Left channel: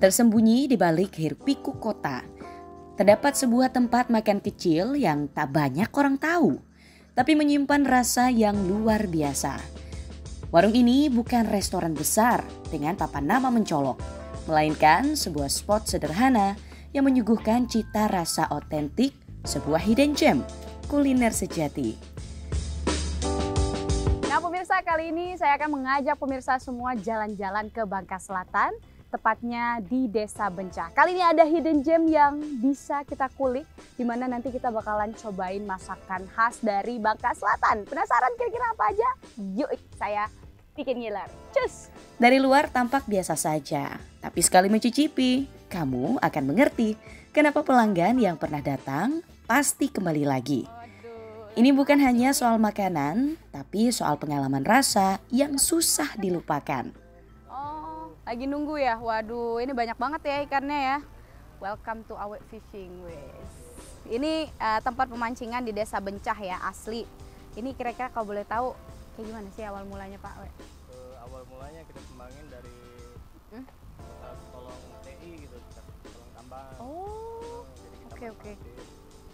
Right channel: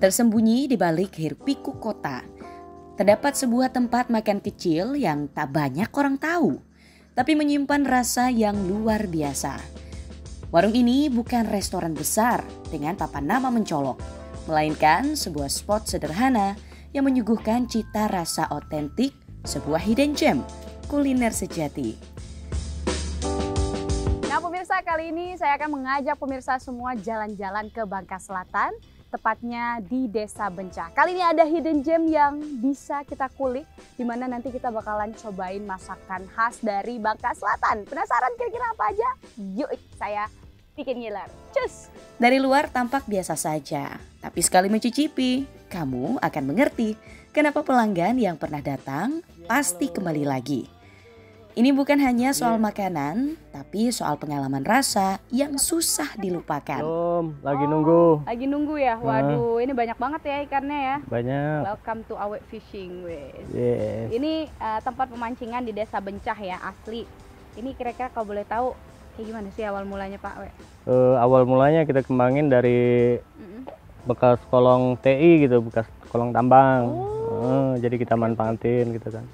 Tersembunyi di balik hiruk-pikuk kota, terdapat sebuah tempat makan kecil yang tak banyak orang tahu, tapi menyimpan rasa yang luar biasa. Warung ini bukan restoran besar dengan papan nama mencolok, melainkan sebuah spot sederhana yang menyuguhkan cita rasa otentik, sebuah hidden gem kuliner sejati. Nah pemirsa, kali ini saya akan mengajak pemirsa semua jalan-jalan ke Bangka Selatan, tepatnya di Desa Bencah. Kali ini ada hidden gem yang bisa kita kulik, di mana nanti kita bakalan cobain masakan khas dari Bangka Selatan. Penasaran kira-kira apa aja? Yuk saya bikin ngiler. Cus! Dari luar tampak biasa saja, tapi sekali mencicipi, kamu akan mengerti kenapa pelanggan yang pernah datang pasti kembali lagi. Ini bukan hanya soal makanan, tapi soal pengalaman rasa yang susah dilupakan. Lagi nunggu. Lagi nunggu ya? Waduh, ini banyak banget ya ikannya ya. Banyak. Welcome to Awet Fishing, wes. Yes. Ini tempat pemancingan di Desa Bencah ya, asli. Ini kira-kira kalau boleh tahu kayak gimana sih awal mulanya Pak We? Awal mulanya kita kembangin dari bekas kolong TI gitu, bekas kolong tambang. Jadi kita manfaatin gitu kan.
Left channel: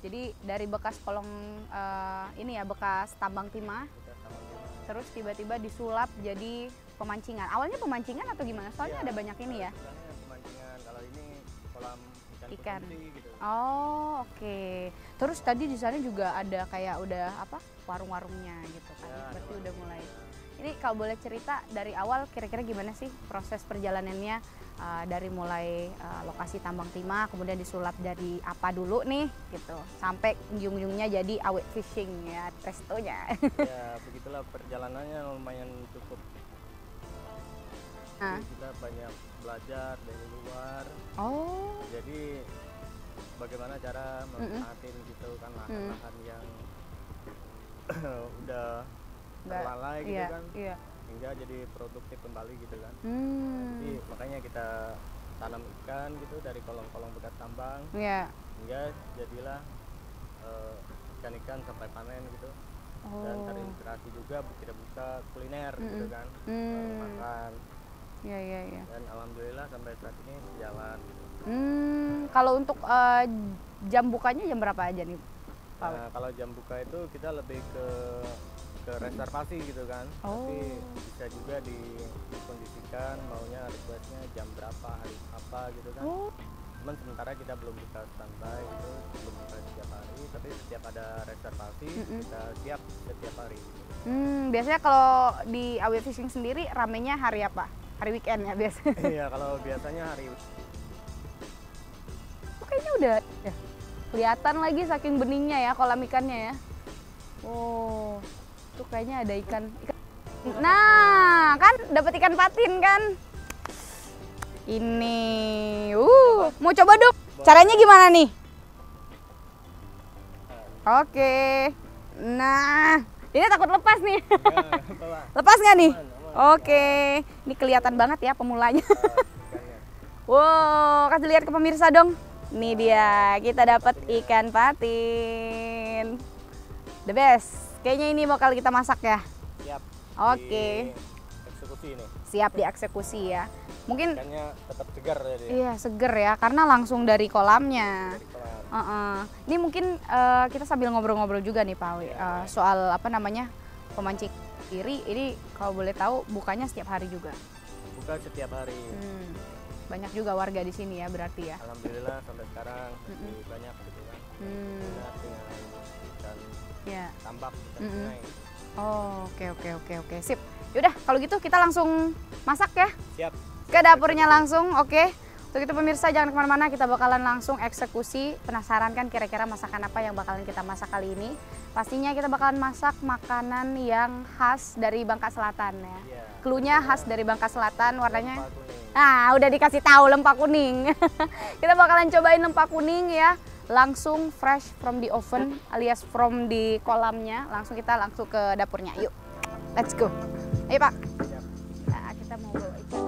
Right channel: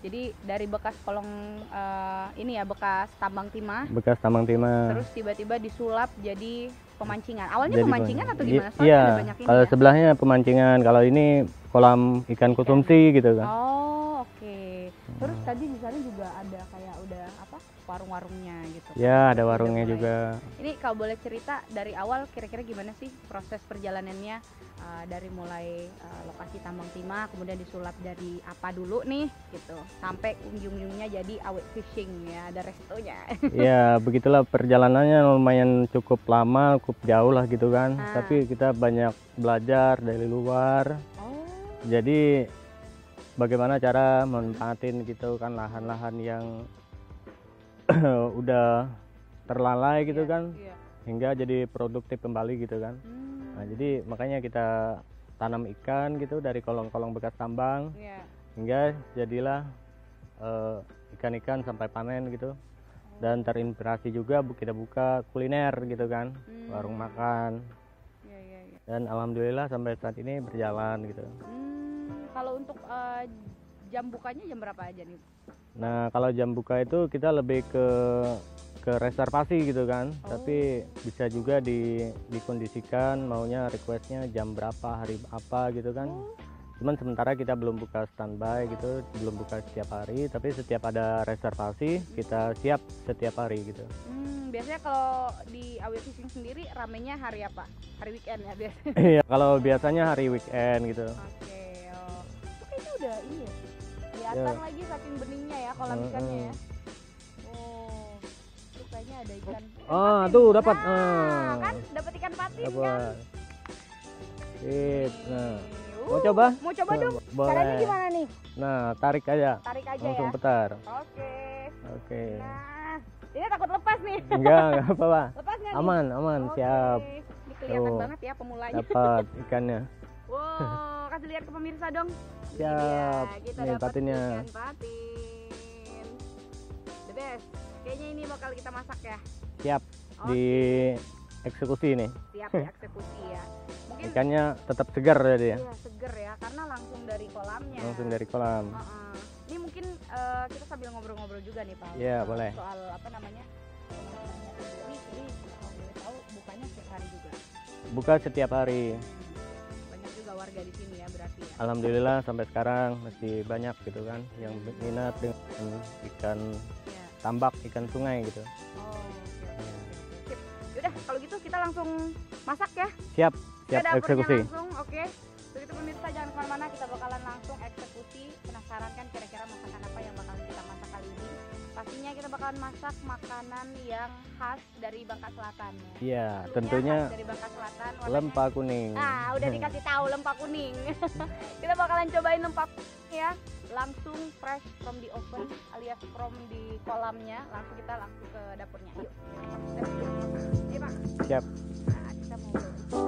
Jadi dari bekas kolong ini ya, bekas tambang timah. Bekas tambang timah. Terus tiba-tiba disulap jadi pemancingan. Awalnya jadi pemancingan atau gimana? Soalnya iya, ada banyak ini kalau ya? sebelahnya pemancingan, kalau ini kolam ikan konsumsi gitu kan. Oh, oke. Terus tadi di sana juga ada kayak udah apa? Warung-warungnya gitu. Ya, ada warungnya juga. Ini kalau boleh cerita dari awal kira-kira gimana sih proses perjalanannya dari mulai lokasi tambang timah, kemudian disulap dari apa dulu nih gitu, sampai ujung-ujungnya jadi Awet Fishing ya, ada restonya. Ya, begitulah perjalanannya, lumayan cukup lama, cukup jauh lah gitu kan. Tapi kita banyak belajar dari luar. Jadi bagaimana cara manfaatin gitu kan lahan-lahan yang udah terlalai gitu kan, hingga jadi produktif kembali gitu kan. Nah, jadi makanya kita tanam ikan gitu dari kolong-kolong bekas tambang, hingga jadilah ikan-ikan sampai panen gitu. Dan terinspirasi juga kita buka kuliner gitu kan, warung makan. Dan alhamdulillah sampai saat ini berjalan gitu. Kalau untuk jam bukanya jam berapa aja nih? Nah, kalau jam buka itu kita lebih ke reservasi gitu kan. Tapi bisa juga dikondisikan maunya requestnya jam berapa, hari apa gitu kan. Cuman sementara kita belum buka standby gitu, belum buka setiap hari, tapi setiap ada reservasi kita siap setiap hari gitu. Biasanya kalau di Awet Fishing sendiri ramenya hari apa? Hari weekend ya biasanya? Iya, kalau biasanya hari weekend gitu. Oke, kayaknya udah iya. Kelihatan lagi saking beningnya ya kolam ikannya ya. Oh, tuh kayaknya ada ikan. Tuh dapat. Nah, kan dapat ikan patin kan. Ini. Mau coba dong. Caranya gimana nih? Nah, tarik aja. Tarik aja langsung ya. putar. Oke. Nah, ini takut lepas nih. Enggak apa-apa. Lepas nggak nih? Aman. Oke. Ini kelihatan banget ya pemulanya. Dapat ikannya. Wow, kasih lihat ke pemirsa dong. Ini dia, kita dapat patinnya. ikan patin. The best. Kayaknya ini bakal kita masak ya. Siap. Oke. Eksekusi nih. Siap dieksekusi ya. Mungkin ikannya tetap segar tadi ya. Iya, seger ya, karena langsung dari kolamnya. Langsung dari kolam. Ini mungkin kita sambil ngobrol-ngobrol juga nih Pak, Boleh. soal apa namanya pemancing iri. Ini kalau boleh tahu bukanya setiap hari juga. Buka setiap hari. Banyak juga warga di sini ya berarti ya. Alhamdulillah sampai sekarang masih banyak gitu kan yang berminat ikan tambak, ikan sungai gitu. Oke. Sip. Yaudah kalau gitu kita langsung masak ya. Siap. Ke dapurnya eksekusi. langsung, oke. Untuk itu pemirsa jangan kemana-mana, kita bakalan langsung eksekusi. Penasaran kan kira-kira masakan apa yang bakalan kita masak kali ini? Pastinya kita bakalan masak makanan yang khas dari Bangka Selatan ya. Iya. Cluenya khas dari Bangka Selatan, warnanya lempa kuning. Nah, udah dikasih tahu lempa kuning. Kita bakalan cobain lempa kuning ya. Langsung fresh from the oven alias from di kolamnya. Kita langsung ke dapurnya. Yuk. Let's go. Ayo, Pak. Siap. Nah, kita mau bawa ikan.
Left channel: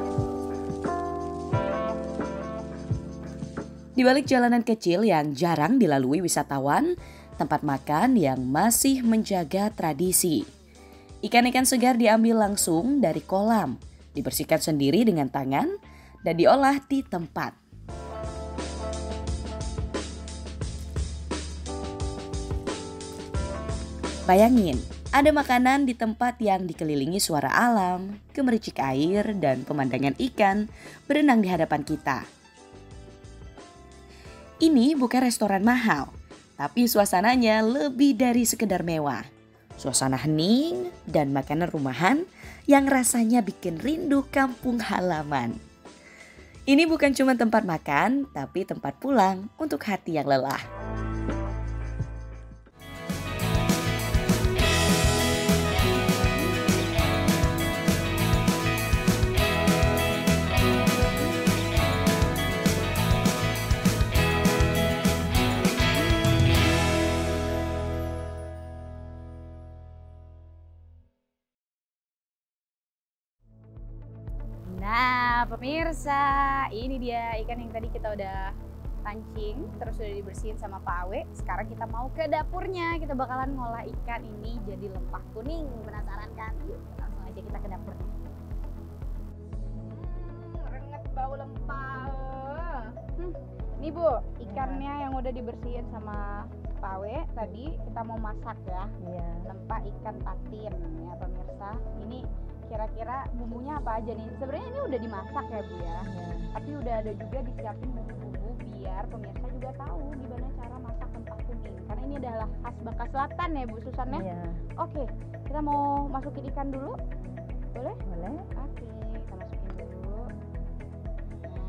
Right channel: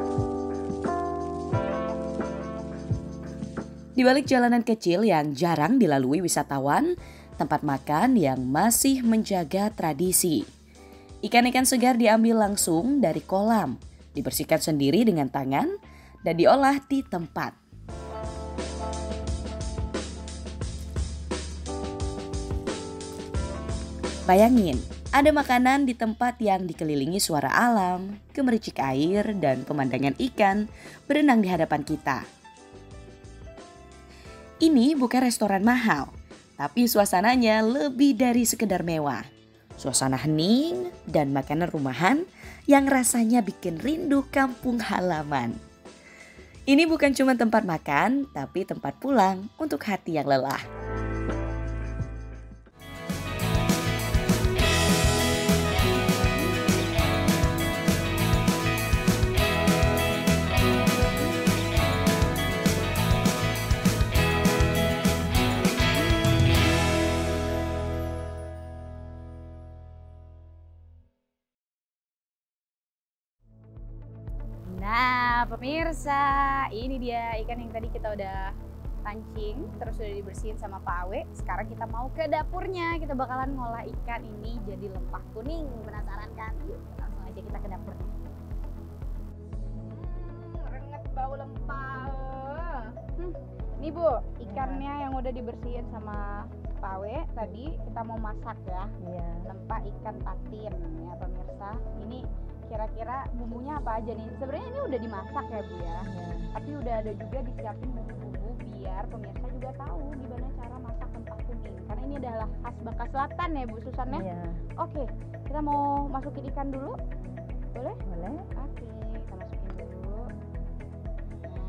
Di balik jalanan kecil yang jarang dilalui wisatawan, tempat makan yang masih menjaga tradisi. Ikan-ikan segar diambil langsung dari kolam, dibersihkan sendiri dengan tangan, dan diolah di tempat. Bayangin, ada makanan di tempat yang dikelilingi suara alam, gemericik air, dan pemandangan ikan berenang di hadapan kita. Ini bukan restoran mahal, tapi suasananya lebih dari sekedar mewah. Suasana hening dan makanan rumahan yang rasanya bikin rindu kampung halaman. Ini bukan cuma tempat makan, tapi tempat pulang untuk hati yang lelah. Nah, pemirsa, ini dia ikan yang tadi kita udah pancing, terus udah dibersihin sama Pak Awe. Sekarang kita mau ke dapurnya, kita bakalan ngolah ikan ini jadi lempah kuning. Penasaran kan? Yuk, langsung aja kita ke dapurnya. Renget bau lempah. Nih Bu, ikannya yang udah dibersihin sama Pak Awe tadi kita mau masak ya. Iya. Lempah ikan patin ya pemirsa. Ini kira-kira bumbunya apa aja nih? Sebenarnya ini udah dimasak ya Bu ya. Tapi udah ada juga disiapin bumbu-bumbu biar pemirsa juga tahu gimana cara masak lempah kuning. Karena ini adalah khas Bangka Selatan ya Bu Susan ya. Iya. Oke, kita mau masukin ikan dulu. Boleh? Boleh. Oke, kita masukin dulu. Nah,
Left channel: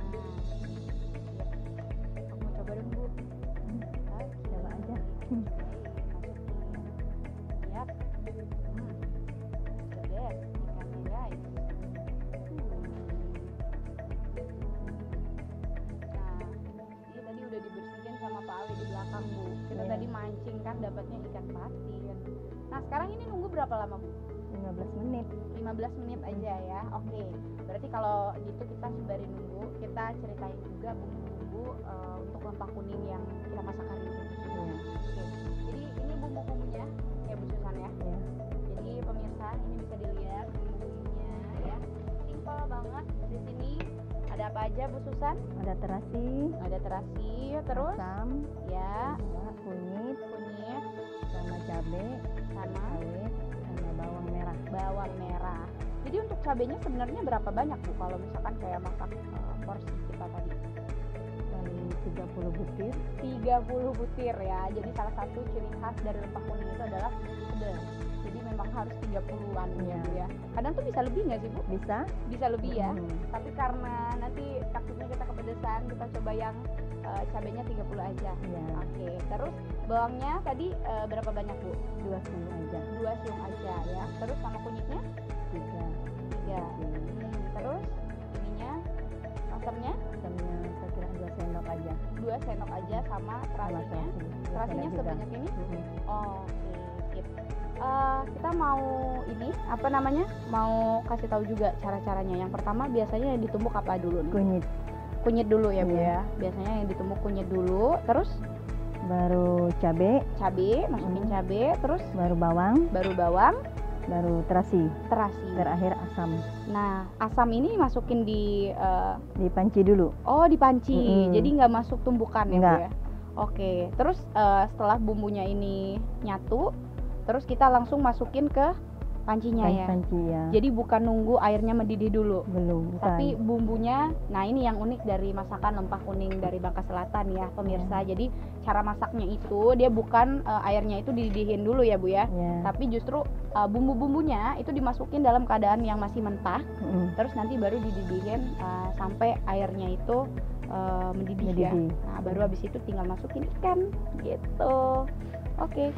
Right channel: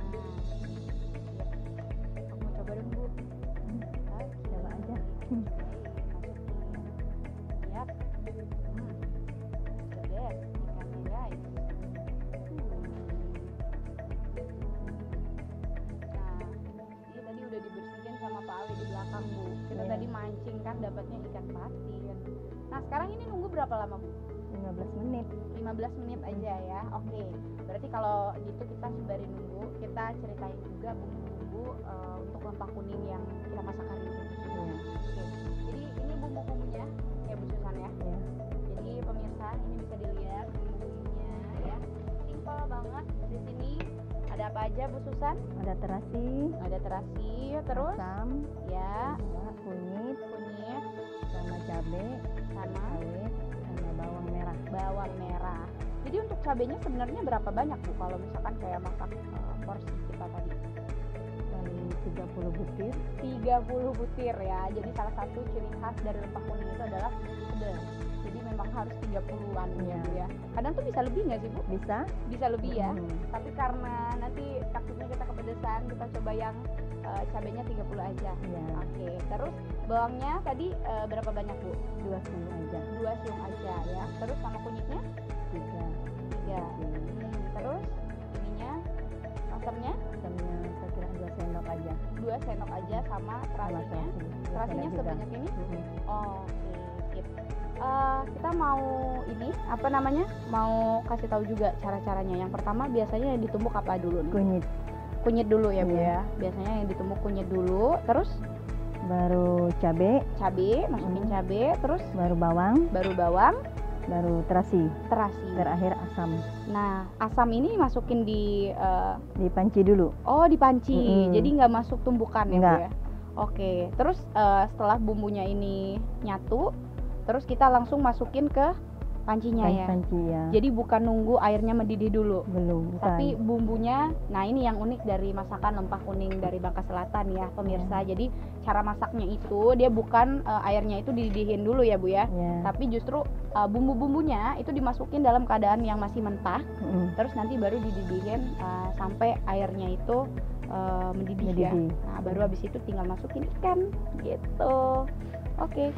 siap. Aku mau coba dong Bu. Oke. Coba aja. Masukin. Siap. Beres ikannya guys. Nah, ini tadi udah dibersihin sama Pak Ali di belakang Bu. Kita Iya. tadi mancing kan dapatnya ikan patin. Nah sekarang ini nunggu berapa lama Bu? 15 menit. 15 menit aja ya. Oke. Berarti kalau gitu kita sembari nunggu, kita ceritain juga bumbu-bumbu untuk lempah kuning yang kita masak hari ini. Iya. Oke. Jadi ini bumbu-bumbunya ya Bu Susan ya. Iya. Jadi pemirsa ini bisa dilihat bumbunya ya. Simpel banget. Di sini ada apa aja Bu Susan? Ada terasi, Ada terasi, terus asam, ya, kunyit, kunyit sama cabai, sama rawit, sama bawang merah. bawang merah. Jadi untuk cabenya sebenarnya berapa banyak Bu kalau misalkan kayak masak porsi kita tadi? Paling 30 butir. 30 butir ya. Jadi salah satu ciri khas dari lempah kuning itu adalah pedas. Jadi memang harus 30-an ya Iya. Bu ya. Kadang tuh bisa lebih nggak sih Bu? Bisa? Bisa lebih ya. Hmm. Tapi karena nanti takutnya kita kepedesan, kita coba yang cabenya 30 aja. Iya. Oke, terus bawangnya tadi berapa banyak Bu? 2 siung aja. 2 siung aja ya. Terus sama kunyitnya 3. 3. Terus ininya asamnya Asamnya saya kira 2 sendok aja. 2 sendok aja sama Sama terasinya. terasi. Terasinya Juga. sebanyak ini? Mm-mm. Oke, sip. Kita mau ini apa namanya? Mau kasih tahu juga cara-caranya. Yang pertama biasanya yang ditumbuk apa dulu nih? Kunyit, Kunyit dulu ya Bu Iya. ya. Biasanya yang ditumbuk kunyit dulu, terus baru cabai, cabe, masukin cabe, terus baru bawang, baru bawang, baru terasi, terasi. terakhir asam. Nah, asam ini masukin di Dipanci dulu. dipanci. Mm-mm. Jadi nggak masuk tumbukan ya Bu Nggak. ya. Oke, terus setelah bumbunya ini nyatu, terus kita langsung masukin ke pancinya ya. Panci ya. Jadi bukan nunggu airnya mendidih dulu. Belum, bukan. Tapi bumbunya, nah ini yang unik dari masakan lempah kuning dari Bangka Selatan ya pemirsa. Jadi cara masaknya itu dia bukan airnya itu dididihin dulu ya Bu ya. Ya. Tapi justru bumbu-bumbunya itu dimasukin dalam keadaan yang masih mentah. Mm-mm. Terus nanti baru dididihin sampai airnya itu mendidih ya. Mendidih. Nah baru habis itu tinggal masukin ikan gitu. Oke.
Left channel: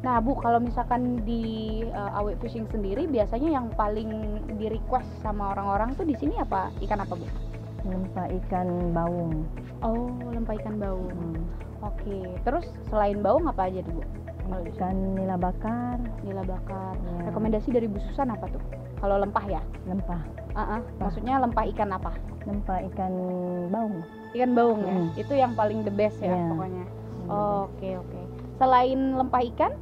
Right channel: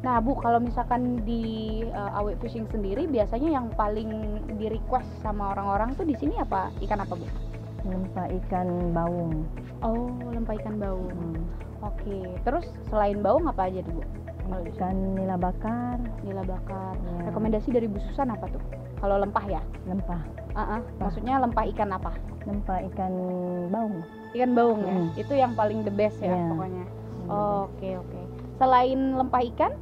Nah Bu, kalau misalkan di Awe Fishing sendiri biasanya yang paling di request sama orang-orang tuh di sini apa ikan apa Bu? Lempah ikan baung. Oh, lempah ikan baung. Hmm. Oke. Terus selain baung apa aja tuh Bu? Kalau di sini? Ikan nila bakar, Nila bakar. Ya. Rekomendasi dari Bu Susan apa tuh? Kalau lempah ya? lempah. Maksudnya lempah ikan apa? Lempah ikan baung. Ikan baung ya? Hmm. Itu yang paling the best ya Ya. pokoknya. Oke. Selain lempah ikan,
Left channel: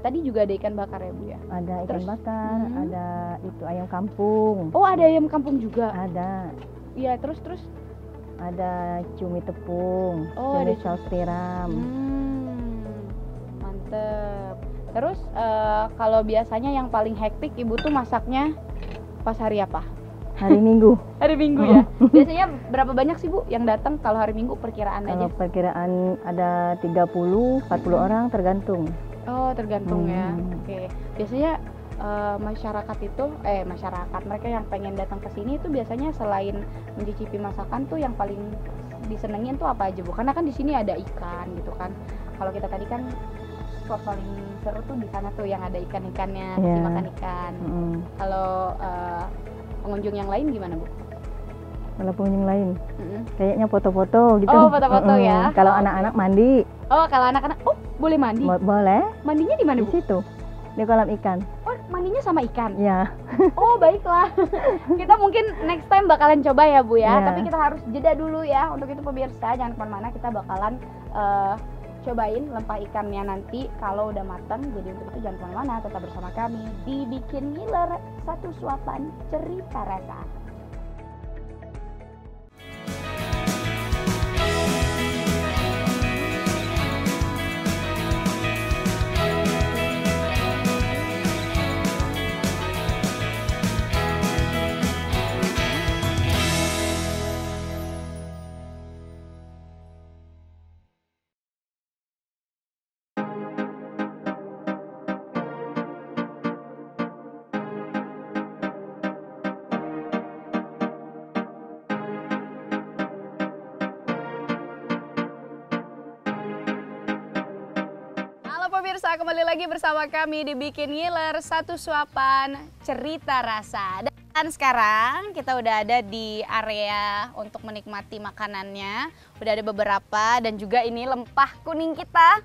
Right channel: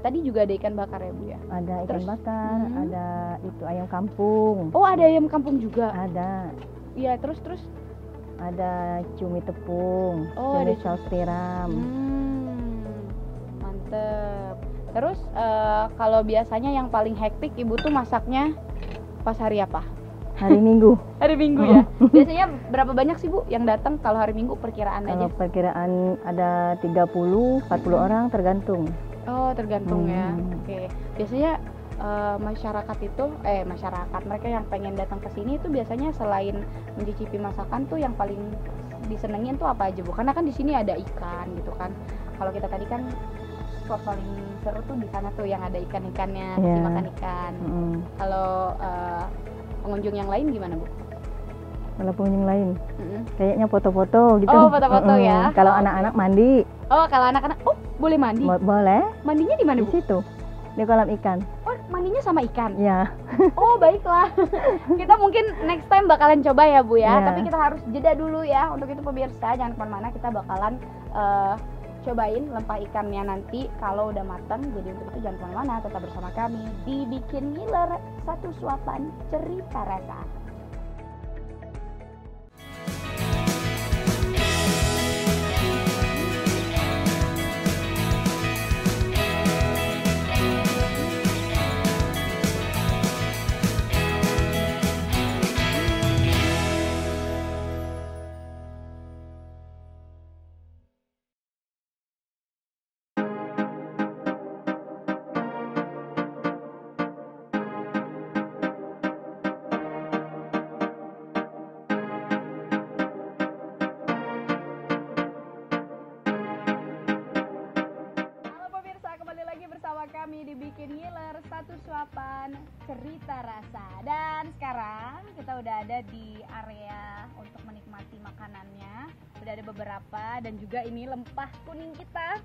tadi juga ada ikan bakar ya Bu ya? Ada ikan Terus? bakar, Hmm. ada itu ayam kampung. Oh ada ayam kampung juga? Ada. Iya, terus? Ada cumi tepung, ada saus tiram. Mantep. Terus kalau biasanya yang paling hektik Ibu tuh masaknya pas hari apa? Hari Minggu. Hari Minggu ya. Biasanya berapa banyak sih Bu yang datang kalau hari Minggu, perkiraan aja? Kalau perkiraan ada 30, 40 orang tergantung. Oh, tergantung ya. Oke. Biasanya masyarakat mereka yang pengen datang ke sini itu biasanya selain mencicipi masakan tuh yang paling disenengin tuh apa aja Bu? Karena kan di sini ada ikan gitu kan. Kalau kita tadi kan spot paling seru tuh di sana tuh yang ada ikan-ikannya, kasih makan ikan. Kalau pengunjung yang lain gimana Bu? Kalau pengunjung lain, kayaknya foto-foto gitu. Oh, foto-foto ya. Kalau anak-anak mandi. Oh, kalau anak-anak, boleh mandi? Boleh. Mandinya di mana Di Bu? situ, di kolam ikan. Oh, mandinya sama ikan? Ya. Oh, baiklah. Kita mungkin next time bakalan coba ya Bu ya. Tapi kita harus jeda dulu ya. Untuk itu pemirsa, jangan kemana-mana, kita bakalan cobain lempah ikannya nanti kalau udah matang. Jadi untuk itu jangan kemana-mana, tetap bersama kami di Bikin Ngiler, satu suapan cerita rasa. Kembali lagi bersama kami di Bikin Ngiler, satu suapan cerita rasa. Dan sekarang kita udah ada di area untuk menikmati makanannya. Udah ada beberapa dan juga ini lempah kuning kita.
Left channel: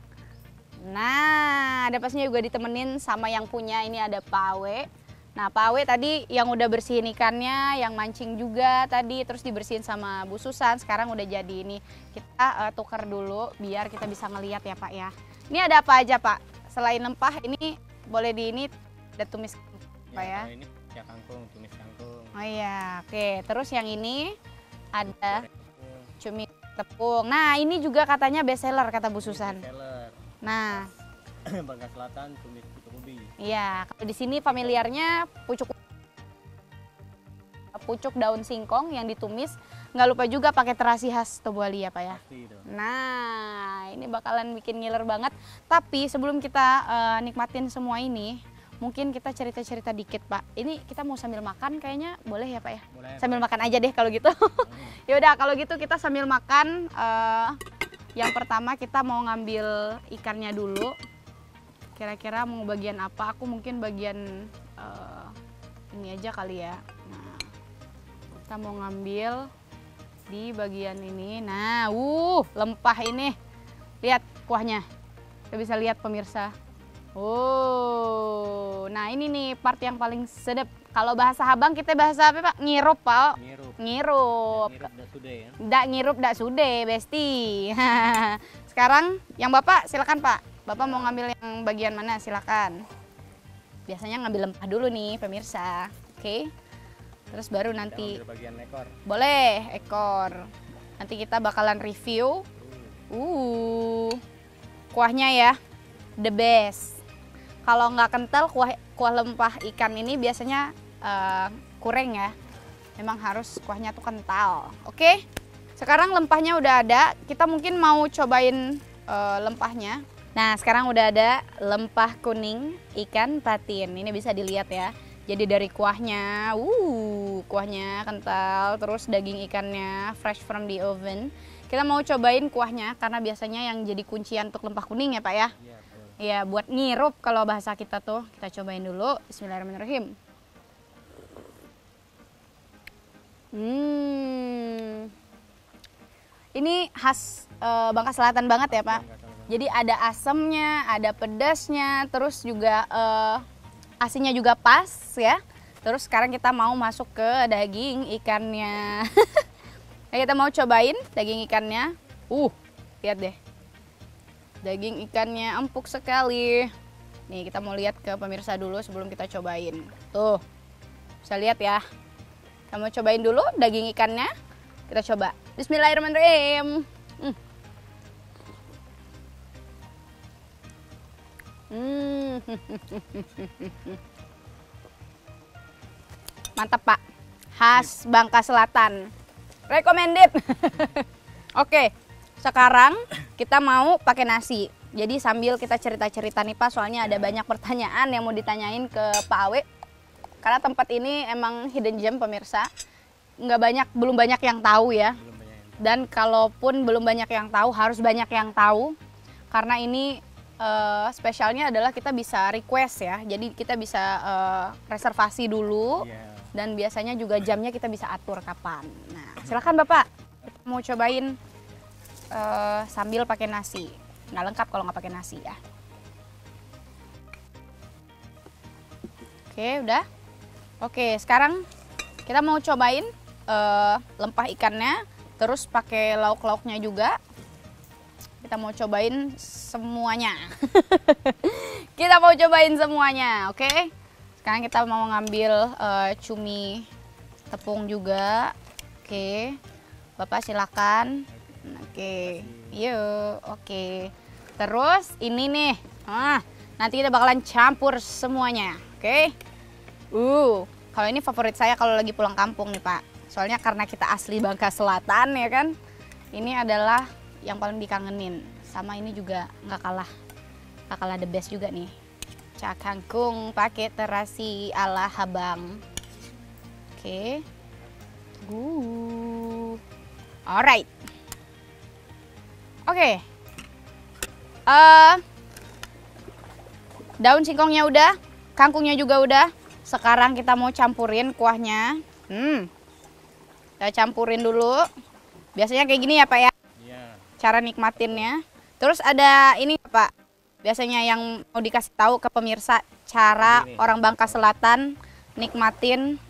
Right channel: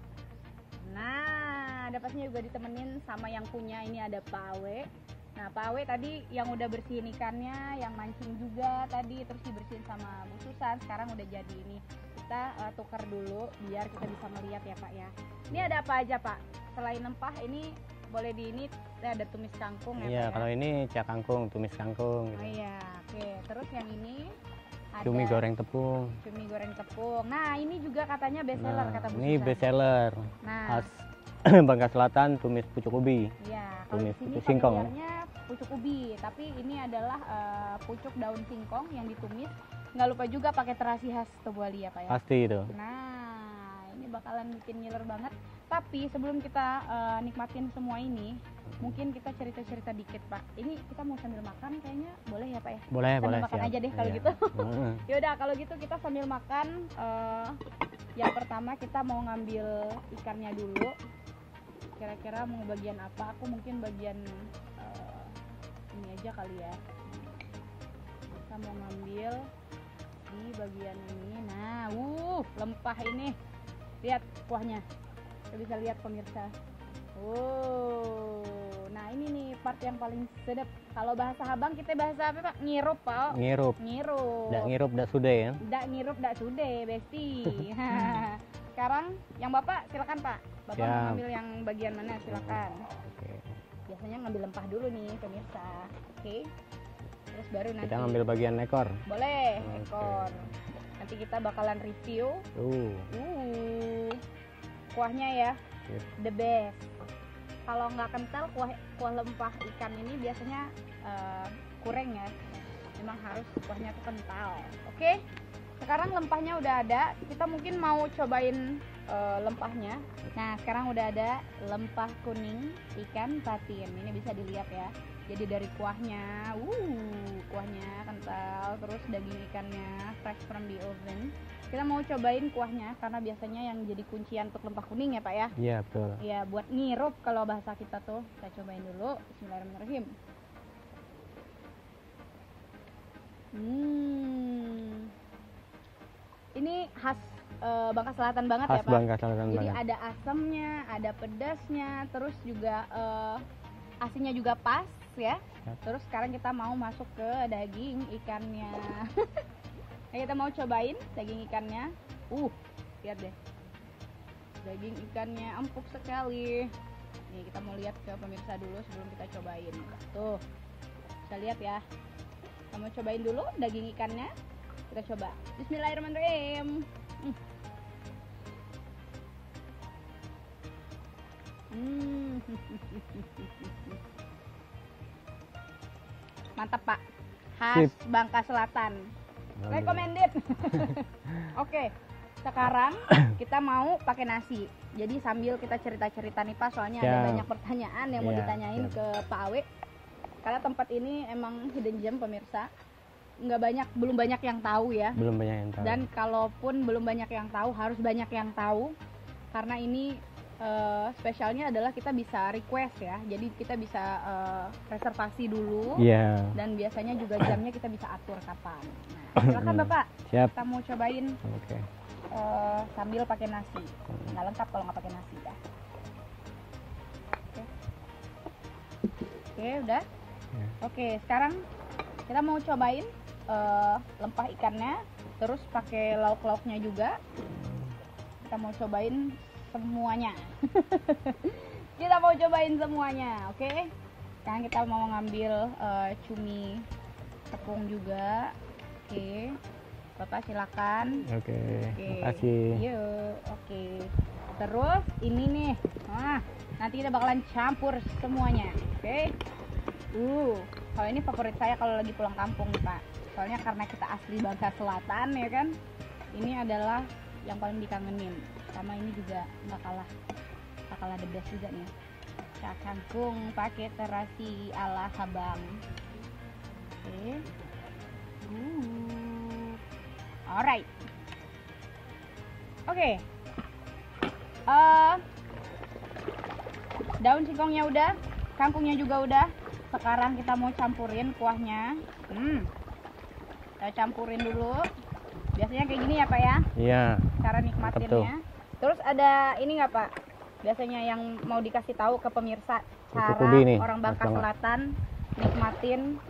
Nah, ada pastinya juga ditemenin sama yang punya, ini ada Pak Awe. Nah, Pak Awe tadi yang udah bersihin ikannya, yang mancing juga tadi, terus dibersihin sama Bu Susan. Sekarang udah jadi ini. Kita tukar dulu biar kita bisa ngeliat ya Pak ya. Ini ada apa aja Pak? Selain lempah ini boleh di ini ada tumis kangkung ya Pak ya? Kalau ini cak kangkung, tumis kangkung. Oh iya, oke. Terus yang ini ada cumi goreng tepung. Cumi goreng tepung. Nah, ini juga katanya best seller kata Bu Susan. Ini best seller. Nah, Bangka Selatan tumis pucuk ubi. Iya, kalau di sini familiarnya pucuk ubi, tapi ini adalah pucuk daun singkong yang ditumis. Nggak lupa juga pakai terasi khas Tobuali ya Pak ya? Pasti itu. Nah, ini bakalan bikin ngiler banget. Tapi sebelum kita nikmatin semua ini, mungkin kita cerita-cerita dikit Pak. Ini kita mau sambil makan kayaknya boleh ya Pak ya? Boleh. Sambil makan aja deh kalau gitu. Yaudah kalau gitu kita sambil makan. Yang pertama kita mau ngambil ikannya dulu. Kira-kira mau bagian apa? Aku mungkin bagian ini aja kali ya. Nah, kita mau ngambil di bagian ini. Nah, lempah ini. Lihat kuahnya. Kita bisa lihat pemirsa. Nah ini nih part yang paling sedep. Kalau bahasa Habang kita bahasa apa Pak? Ngirup Pak. Ngirup. Ngirup. Dak ngirup dak sude ya. Dak ngirup dak sude, besti. Sekarang yang Bapak silakan Pak. Bapak mau ngambil yang bagian mana silakan. Biasanya ngambil lempah dulu nih pemirsa. Oke. Terus baru nanti. Kita ngambil bagian ekor. Boleh, ekor. Nanti kita bakalan review. Kuahnya ya. The best. Kalau nggak kental kuah lempah ikan ini biasanya kurang ya. Memang harus kuahnya tuh kental. Oke. Sekarang lempahnya udah ada. Kita mungkin mau cobain lempahnya. Nah, sekarang udah ada lempah kuning ikan patin. Ini bisa dilihat ya. Jadi dari kuahnya, kuahnya kental, terus daging ikannya fresh from the oven. Kita mau cobain kuahnya karena biasanya yang jadi kuncian untuk lempah kuning ya Pak ya? Iya, betul. Iya, buat ngirup kalau bahasa kita tuh. Kita cobain dulu. Bismillahirrahmanirrahim. Ini khas Bangka Selatan banget ya Pak? Jadi ada asemnya, ada pedasnya, terus juga asinnya juga pas ya. Terus sekarang kita mau masuk ke daging ikannya. Nah, kita mau cobain daging ikannya. Lihat deh. Daging ikannya empuk sekali. Nih kita mau lihat ke pemirsa dulu sebelum kita cobain. Tuh, bisa lihat ya. Kita mau cobain dulu daging ikannya. Kita coba. Bismillahirrahmanirrahim. Mantap Pak, khas Bangka Selatan, recommended. Oke, sekarang kita mau pakai nasi. Jadi sambil kita cerita-cerita nih Pak, soalnya ada banyak pertanyaan yang mau ditanyain ke Pak Awe. Karena tempat ini emang hidden gem pemirsa, belum banyak yang tahu ya. Belum banyak yang tahu. Dan kalaupun belum banyak yang tahu, harus banyak yang tahu. Karena ini spesialnya adalah kita bisa request ya, jadi kita bisa reservasi dulu, dan biasanya juga jamnya kita bisa atur kapan. Nah, silakan Bapak. Siap. Kita mau cobain sambil pakai nasi. Nggak lengkap kalau nggak pakai nasi ya. Oke, udah. Oke, sekarang kita mau cobain lempah ikannya, terus pakai lauk-lauknya juga. Kita mau cobain semuanya. Kita mau cobain semuanya, oke? Sekarang kita mau ngambil cumi tepung juga. Oke. Bapak silakan. Oke. Kasih. Yuk, oke. Terus ini nih. Nanti kita bakalan campur semuanya, oke? Kalau ini favorit saya kalau lagi pulang kampung nih, Pak. Soalnya karena kita asli Bangka Selatan ya kan. Ini adalah yang paling dikangenin. Sama ini juga nggak kalah the best juga nih. Cak kangkung pakai terasi ala Habang. Oke. Alright. Oke. Daun singkongnya udah, kangkungnya juga udah. Sekarang kita mau campurin kuahnya. Kita campurin dulu. Biasanya kayak gini ya Pak ya? Iya. Cara nikmatinnya. Terus ada ini nggak Pak? Biasanya yang mau dikasih tahu ke pemirsa cara orang Bangka Selatan nikmatin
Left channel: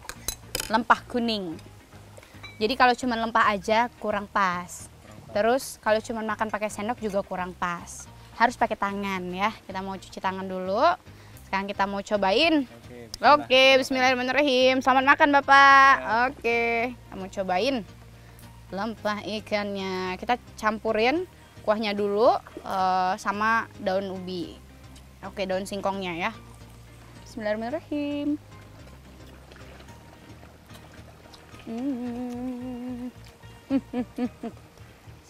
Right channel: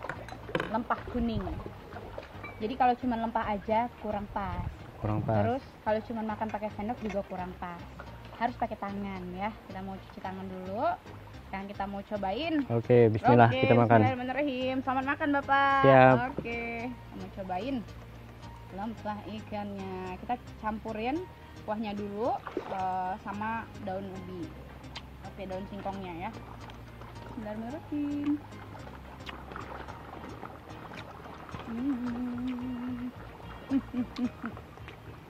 lempah kuning. Jadi kalau cuma lempah aja kurang pas. Terus kalau cuma makan pakai sendok juga kurang pas. Harus pakai tangan ya. Kita mau cuci tangan dulu. Sekarang kita mau cobain. Oke, bismillah. Oke, bismillahirrahmanirrahim. Selamat makan Bapak. Siap. Oke, kita mau cobain lempah ikannya. Kita campurin kuahnya dulu sama daun ubi. Oke, daun singkongnya ya. Bismillahirrahmanirrahim.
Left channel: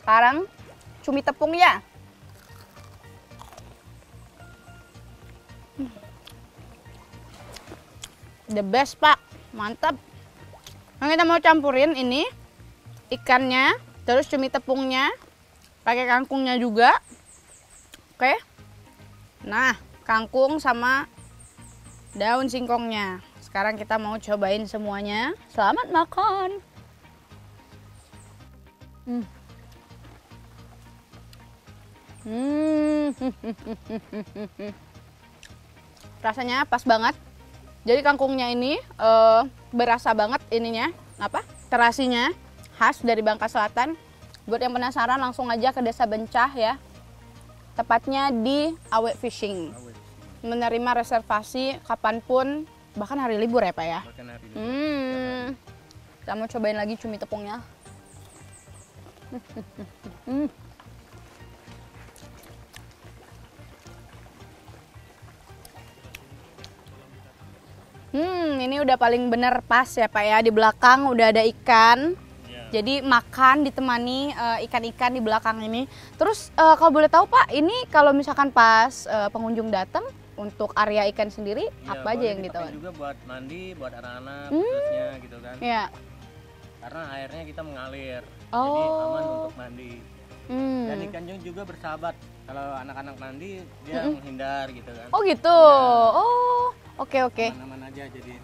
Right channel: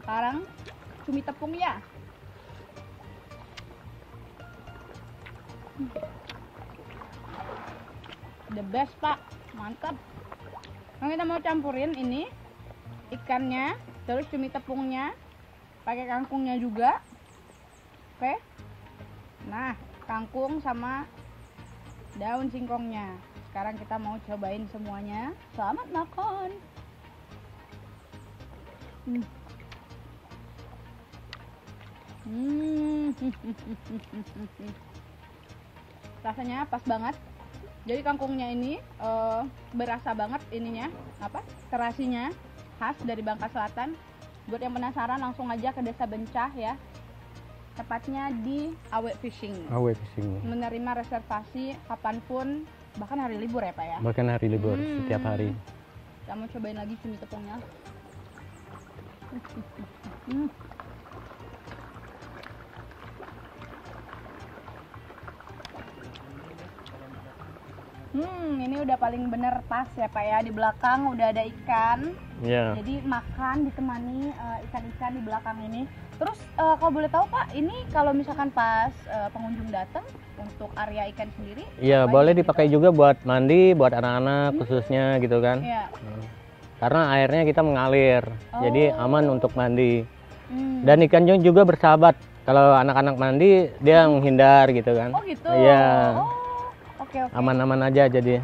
Sekarang cumi tepungnya. The best Pak, mantap. Nah, kita mau campurin ini ikannya, terus cumi tepungnya, pakai kangkungnya juga. Oke. Nah, kangkung sama daun singkongnya. Sekarang kita mau cobain semuanya. Selamat makan. Rasanya pas banget. Jadi kangkungnya ini berasa banget ininya, terasinya khas dari Bangka Selatan. Buat yang penasaran langsung aja ke Desa Bencah ya. Tepatnya di Awe Fishing. Menerima reservasi kapanpun, bahkan hari libur ya Pak ya? Bahkan hari libur, setiap hari. Kita mau cobain lagi cumi tepungnya. Ini udah paling bener pas ya Pak ya. Di belakang udah ada ikan. Jadi makan ditemani ikan-ikan di belakang ini. Terus kalau boleh tahu Pak, ini kalau misalkan pas pengunjung datang untuk area ikan sendiri, iya boleh dipakai juga buat mandi, buat anak-anak khususnya gitu kan. Karena airnya kita mengalir, jadi aman untuk mandi. Dan ikannya juga bersahabat. Kalau anak-anak mandi dia menghindar gitu kan. Oh gitu. Iya. Oke. Aman-aman aja jadi.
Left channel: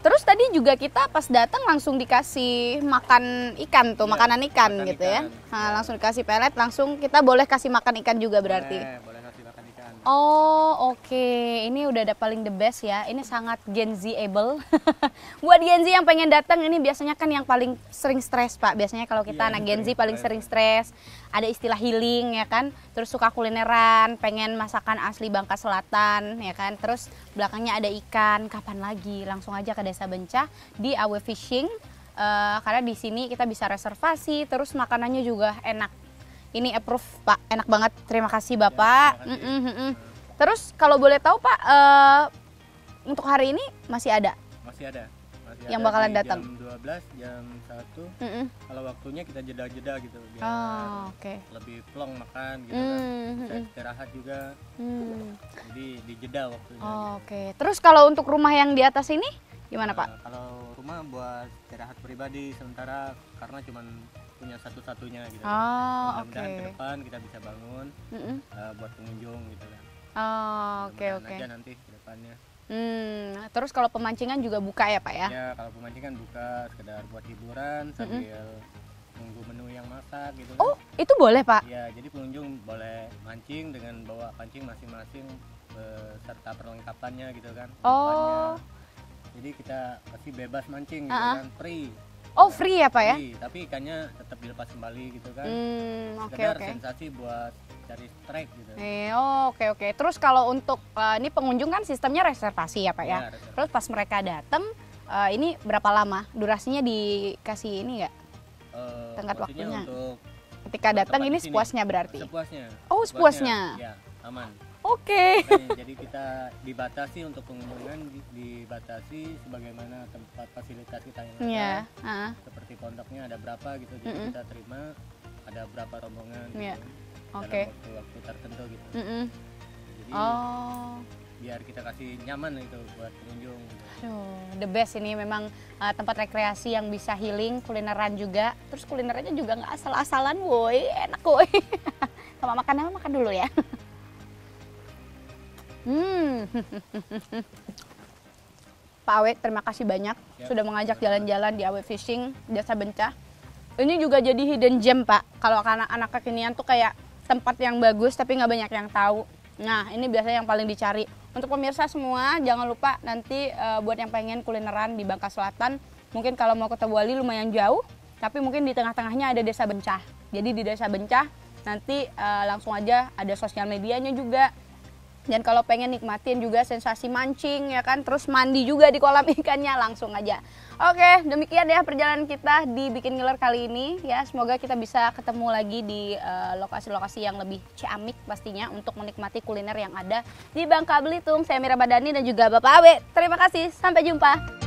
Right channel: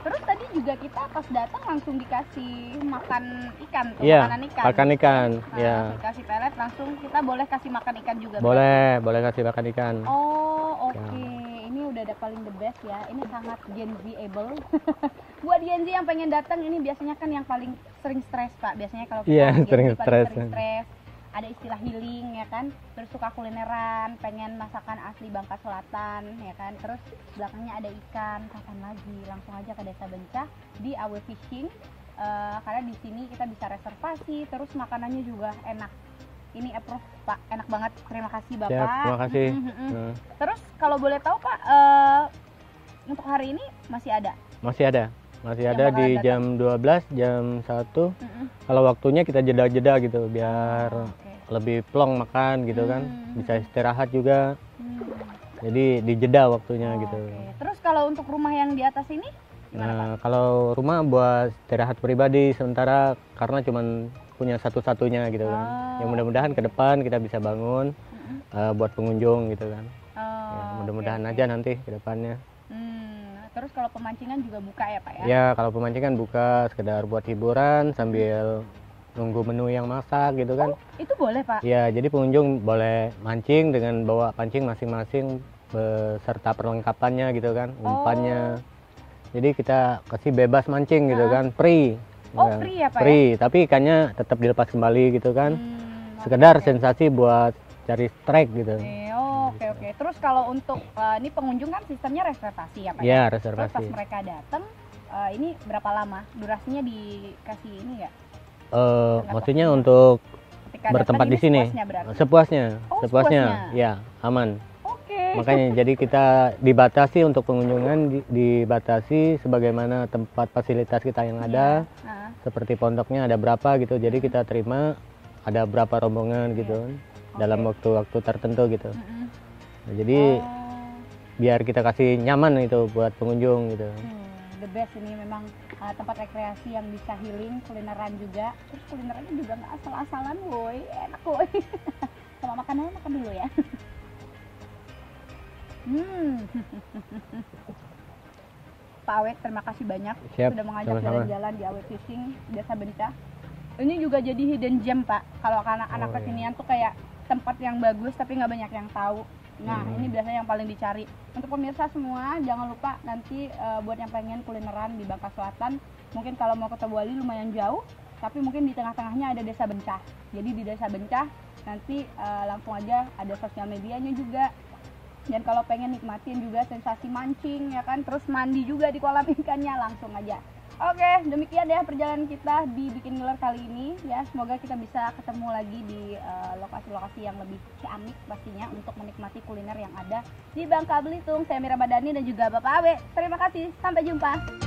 Terus tadi juga kita pas datang langsung dikasih makan ikan tuh, makanan ikan makan gitu ikan, ya. Langsung dikasih pelet, langsung kita boleh kasih makan ikan juga berarti. Boleh kasih makan ikan. Oh, oke. Ini udah ada paling the best ya. Ini sangat Gen Z-able. Buat Gen Z yang pengen datang, ini biasanya kan yang paling sering stres Pak. Biasanya kalau kita anak Gen Z paling sering stres. ada istilah healing ya kan, terus suka kulineran, pengen masakan asli Bangka Selatan ya kan, terus belakangnya ada ikan, kapan lagi? Langsung aja ke Desa Bencah di Awe Fishing, karena di sini kita bisa reservasi, terus makanannya juga enak. Ini approve Pak, enak banget. Terima kasih Bapak. Terima kasih. Terus kalau boleh tahu Pak, untuk hari ini masih ada? Masih ada Yang di bakalan datang? jam 12, jam 1. Kalau waktunya kita jeda-jeda gitu biar lebih plong makan gitu kan, bisa istirahat juga. Jadi dijeda waktunya gitu. Terus kalau untuk rumah yang di atas ini gimana Pak? Kalau rumah buat istirahat pribadi sementara karena cuman punya satu-satunya gitu kan. Yang mudah-mudahan ke depan kita bisa bangun buat pengunjung gitu kan. Mudah-mudahan aja nanti ke depannya. Terus kalau pemancingan juga buka ya Pak ya? Ya kalau pemancingan buka sekedar buat hiburan sambil nunggu menu yang masak gitu kan. Oh itu boleh Pak? Ya jadi pengunjung boleh mancing dengan bawa pancing masing-masing beserta perlengkapannya gitu kan, umpannya. Jadi kita kasih bebas mancing gitu kan, free. Oh free ya Pak free, tapi ikannya tetap dilepas kembali gitu kan. Sekedar sensasi buat cari strike gitu. Oke. Terus kalau untuk ini pengunjung kan sistemnya reservasi ya Pak ya? Ya, reservasi. Terus pas mereka datang, ini berapa lama? Durasinya dikasih ini nggak? Maksudnya untuk ketika bertempat datang di sini? Sepuasnya berarti? Sepuasnya. Oh sepuasnya? Ya, aman. Oke. Makanya jadi kita dibatasi untuk pengunjungan, dibatasi sebagaimana tempat fasilitas kita yang ada. Seperti pondoknya ada berapa gitu, jadi kita terima ada berapa rombongan gitu dalam waktu-waktu tertentu gitu. Nah, jadi biar kita kasih nyaman itu buat pengunjung gitu. The best ini memang tempat rekreasi yang bisa healing, kulineran juga. Terus kulinerannya juga nggak asal-asalan, woi, enak woi. Sama makan dulu ya. Pak Awe, terima kasih banyak. Siap, sudah mengajak sama-sama. jalan-jalan di Awe Fishing, Desa Bencah. Ini juga jadi hidden gem Pak. Kalau anak-anak kekinian tuh kayak tempat yang bagus tapi nggak banyak yang tahu. Nah ini biasanya yang paling dicari. Untuk pemirsa semua jangan lupa nanti buat yang pengen kulineran di Bangka Selatan, mungkin kalau mau ke Tebuali lumayan jauh, tapi mungkin di tengah-tengahnya ada Desa Bencah. Jadi di Desa Bencah nanti langsung aja ada sosial medianya juga. Dan kalau pengen nikmatin juga sensasi mancing ya kan, terus mandi juga di kolam ikannya, langsung aja. Oke, demikian ya perjalanan kita di Bikin Ngiler kali ini ya. Semoga kita bisa ketemu lagi di lokasi-lokasi yang lebih ciamik pastinya untuk menikmati kuliner yang ada di Bangka Belitung. Saya Mira Badani dan juga Bapak Awe. Terima kasih, sampai jumpa.